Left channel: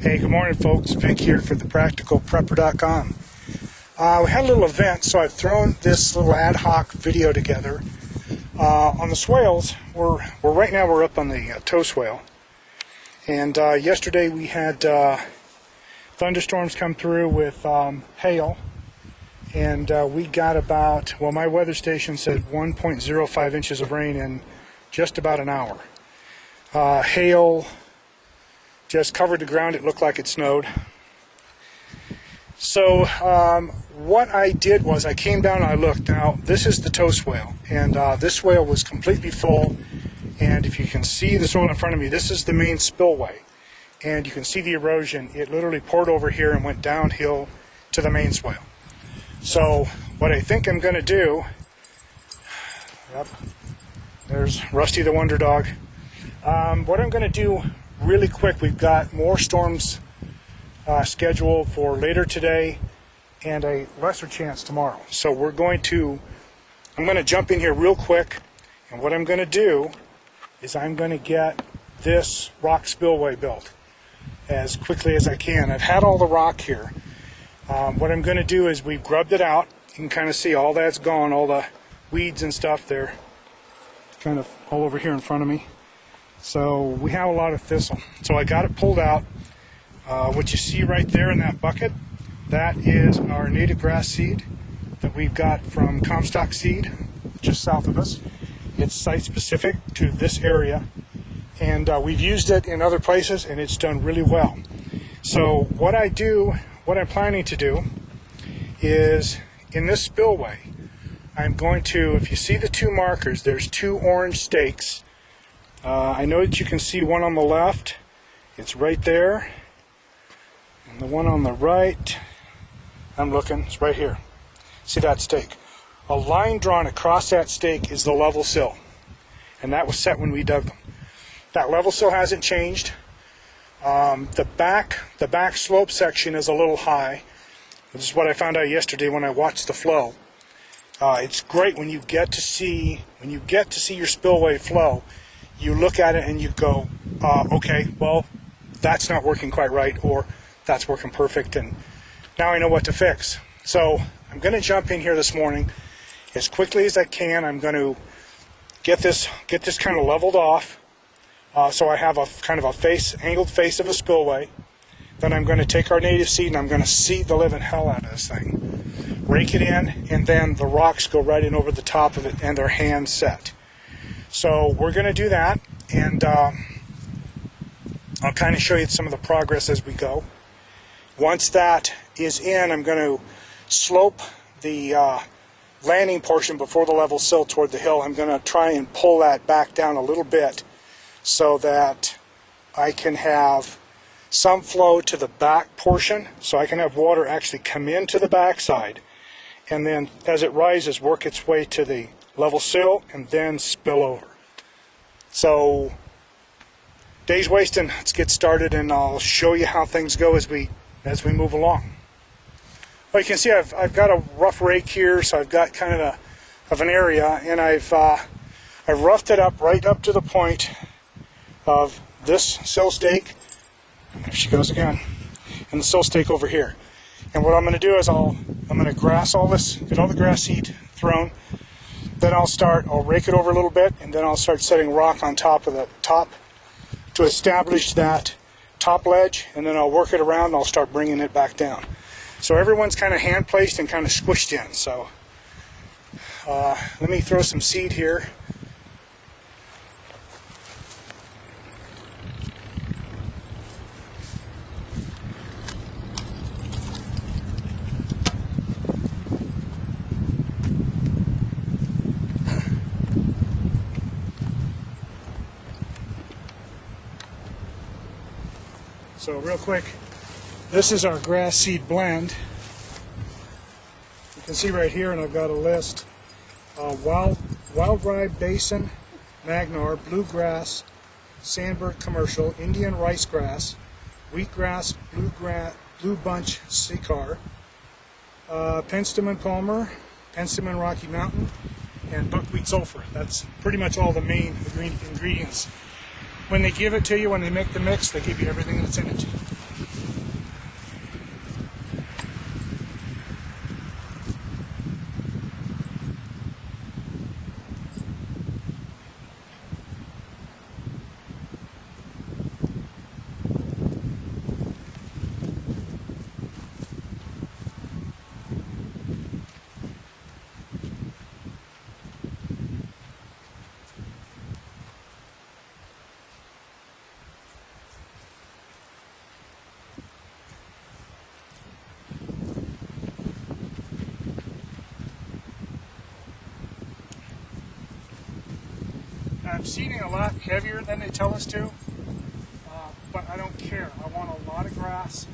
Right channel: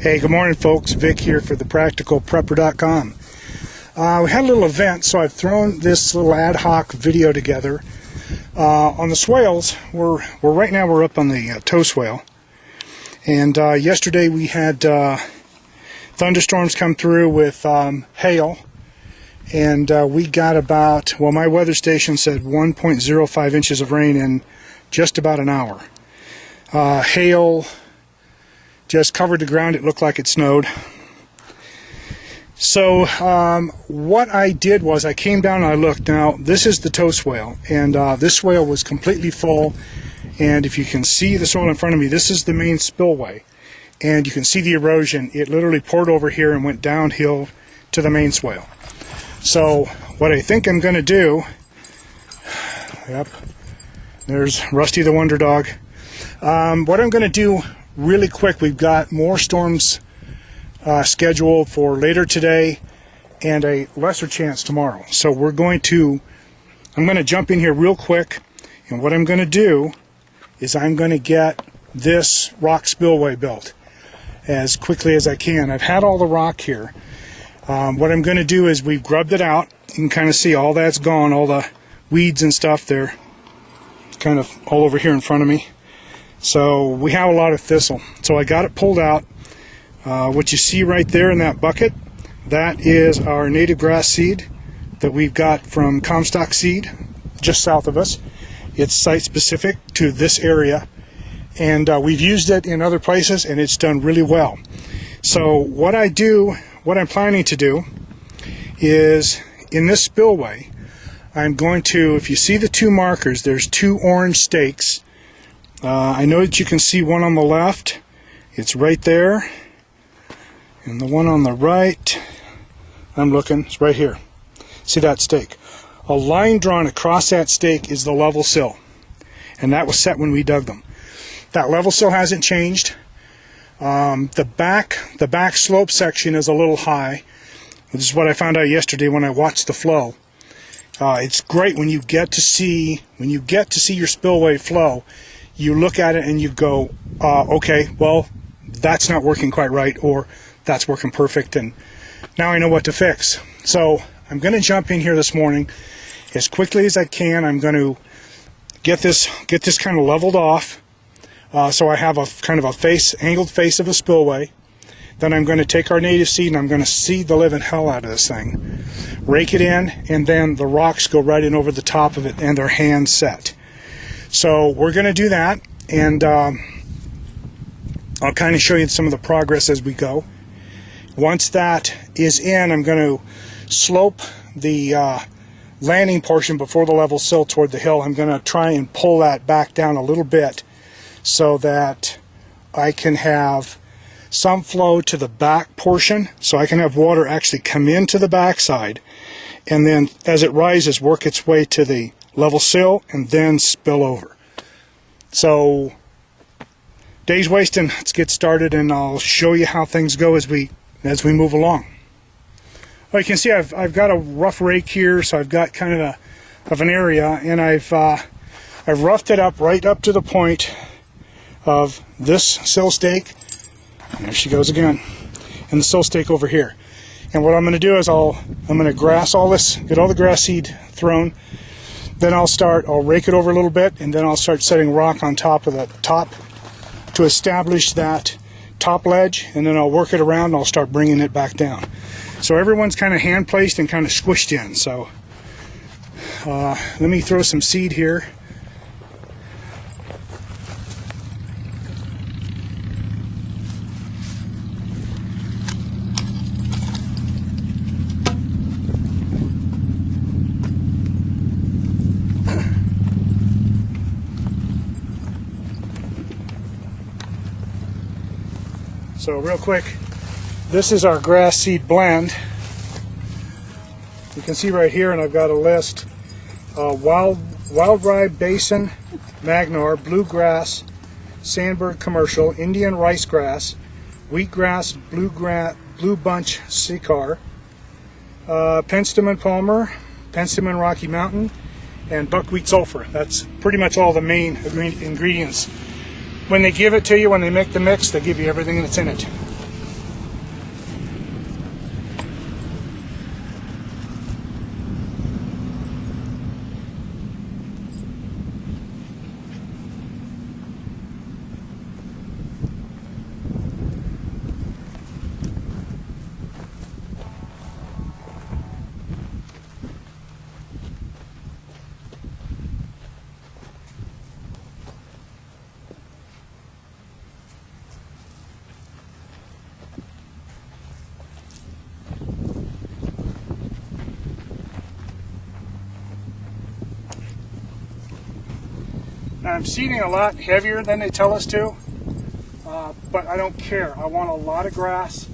Hey, good morning folks. Vic here for thepracticalprepper.com. We had a little event, so I've thrown this little ad hoc video together. On the swales, right now we're up on the tow swale. And yesterday we had thunderstorms come through with hail. And we got about, well, my weather station said 1.05 inches of rain in just about an hour. Hail just covered the ground. It looked like it snowed. So what I did was I came down and I looked. Now this is the tow swale, and this swale was completely full, and if you can see the soil in front of me, this is the main spillway, and you can see the erosion. It literally poured over here and went downhill to the main swale. So what I think I'm going to do, yep, there's Rusty the Wonder Dog. What I'm going to do really quick, we've got more storms scheduled for later today and a lesser chance tomorrow. So I'm going to jump in here real quick, and what I'm going to do is I'm going to get this rock spillway built as quickly as I can. I've had all the rock here. What I'm going to do is we've grubbed it out. You can kind of see all that's gone, all the weeds and stuff, they're kind of all over here in front of me. So we have a lot of thistle. So I got it pulled out. What you see right there in that bucket, that is our native grass seed that we've got from Comstock Seed, just south of us. It's site specific to this area, and we've used it in other places and it's done really well. So what I'm planning to do is, in this spillway, I'm going to, if you see the two markers, there's two orange stakes. I know that you can see one on the left, it's right there, and the one on the right, I'm looking, it's right here. See that stake? A line drawn across that stake is the level sill, and that was set when we dug them. That level sill hasn't changed. The back slope section is a little high. This is what I found out yesterday when I watched the flow. It's great when you get to see your spillway flow. You look at it and you go, okay, well, that's not working quite right, or that's working perfect, and now I know what to fix. So I'm going to jump in here this morning as quickly as I can. I'm going to get this kind of leveled off, so I have a kind of a angled face of a spillway. Then I'm going to take our native seed and I'm going to seed the living hell out of this thing, rake it in, and then the rocks go right in over the top of it, and they're hand set. So we're going to do that, and I'll kind of show you some of the progress as we go. Once that is in, I'm going to slope the landing portion before the level sill toward the hill. I'm going to try and pull that back down a little bit so that I can have some flow to the back portion, so I can have water actually come into the backside, and then as it rises, work its way to the level sill and then spill over. So days wasting, let's get started, and I'll show you how things go as we move along. Well, you can see I've got a rough rake here, so I've got kind of an area, and I've roughed it up right up to the point of this sill stake. There she goes again, and the sill stake over here. And what I'm going to do is I'm going to grass all this, get all the grass seed thrown. Then I'll rake it over a little bit, and then I'll start setting rock on top of the top to establish that top ledge, and then I'll work it around and I'll start bringing it back down. So everyone's kind of hand placed and kind of squished in. So let me throw some seed here. So real quick, this is our grass seed blend. You can see right here, and I've got a list: wild rye basin, magnar, bluegrass, sandberg commercial, Indian rice grass, wheatgrass, blue bunch sycamore, penstemon palmer, penstemon Rocky Mountain, and buckwheat sulfur. That's pretty much all the main ingredients. When they give it to you, when they make the mix, they give you everything that's in it. I'm seeding a lot heavier than they tell us to, but I don't care. I want a lot of grass.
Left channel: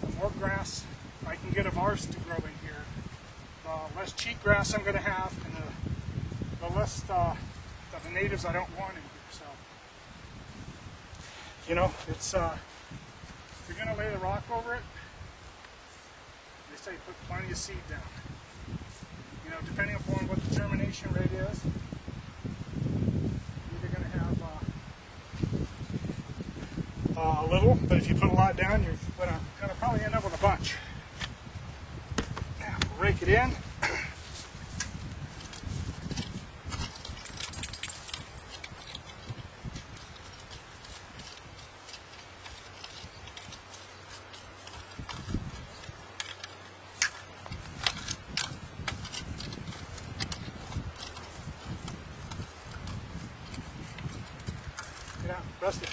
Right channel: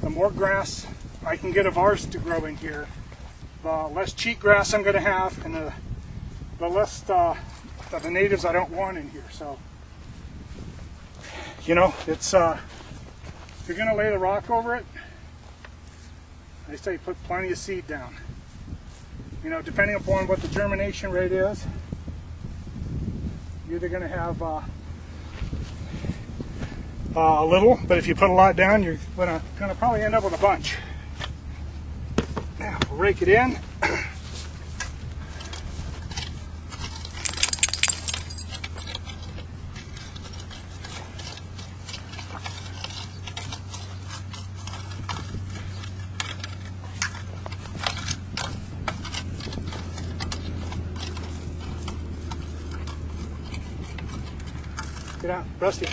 The more grass I can get of ours to grow in here, the less cheat grass I'm going to have, and the less of the natives I don't want in here. So, you know, it's if you're going to lay the rock over it, they say put plenty of seed down. You know, depending upon what the germination rate is, you're either going to have a little, but if you put a lot down, you're going to probably end up with a bunch. Now, we'll rake it in. Get out, Rusty.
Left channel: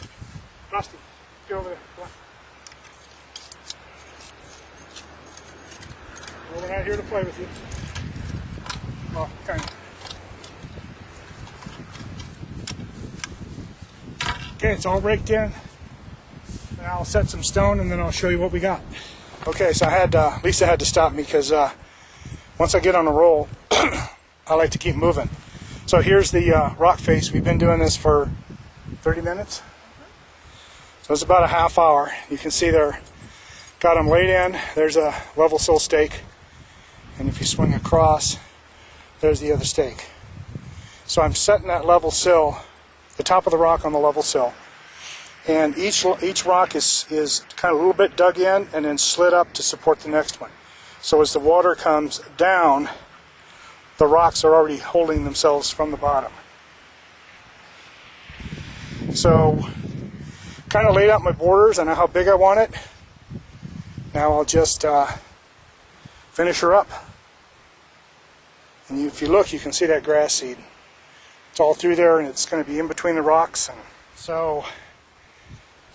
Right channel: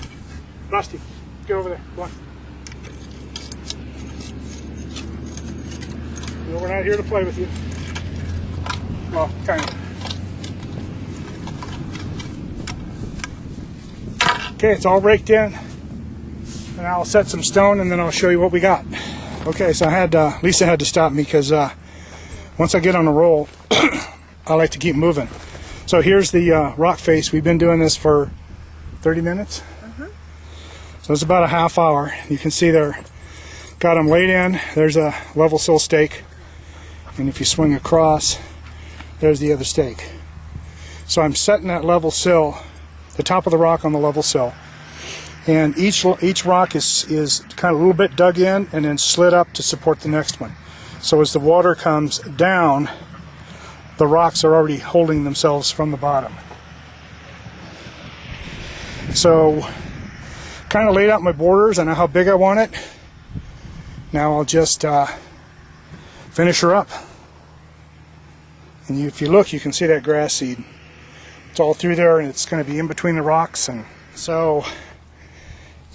Rusty, get over there. Come on. No, we're not here to play with you. Well, kind of. Okay, it's all raked in. And I'll set some stone and then I'll show you what we got. Okay, so Lisa had to stop me because once I get on the roll, I like to keep moving. So here's the rock face. We've been doing this for 30 minutes. So it's about a half hour. You can see there, got them laid in. There's a level sill stake, and if you swing across, there's the other stake. So I'm setting that level sill, the top of the rock on the level sill, and each rock is kind of a little bit dug in and then slid up to support the next one. So as the water comes down, the rocks are already holding themselves from the bottom. So kind of laid out my borders. I know how big I want it. Now I'll just finish her up. And if you look, you can see that grass seed. It's all through there, and it's going to be in between the rocks. And so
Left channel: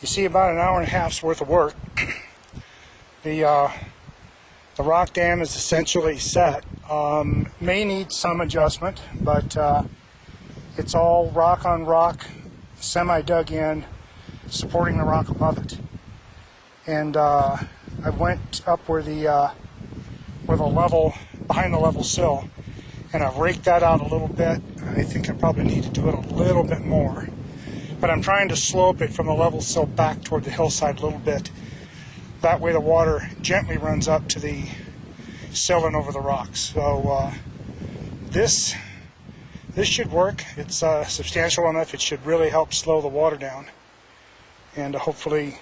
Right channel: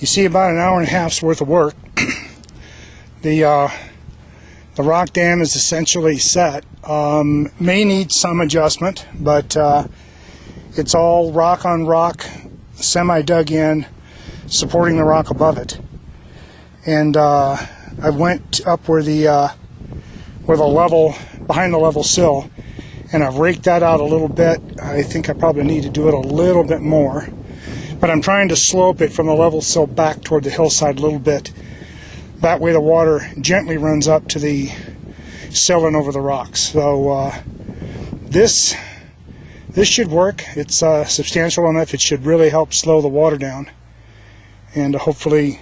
you see about an hour and a half's worth of work. The rock dam is essentially set. May need some adjustment, but it's all rock on rock, semi-dug in, supporting the rock above it. And I went up where the level, behind the level sill, and I've raked that out a little bit. I think I probably need to do it a little bit more, but I'm trying to slope it from the level sill back toward the hillside a little bit. That way the water gently runs up to the sill and over the rocks. So this should work. It's substantial enough. It should really help slow the water down and hopefully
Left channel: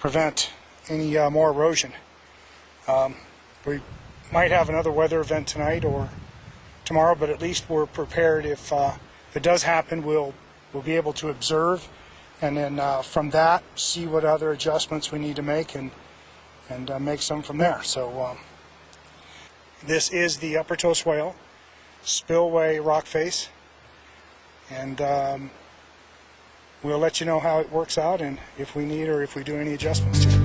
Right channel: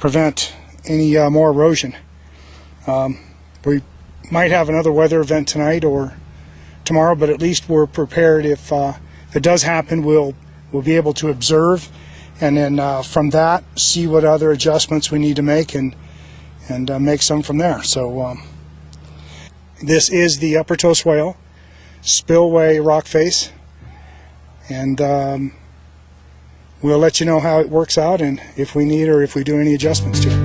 prevent any more erosion. We might have another weather event tonight or tomorrow, but at least we're prepared. If it does happen, we'll be able to observe, and then from that see what other adjustments we need to make and make some from there. So this is the Upper Toe Swale Spillway rock face, and we'll let you know how it works out and if we need or if we do any adjustments to it.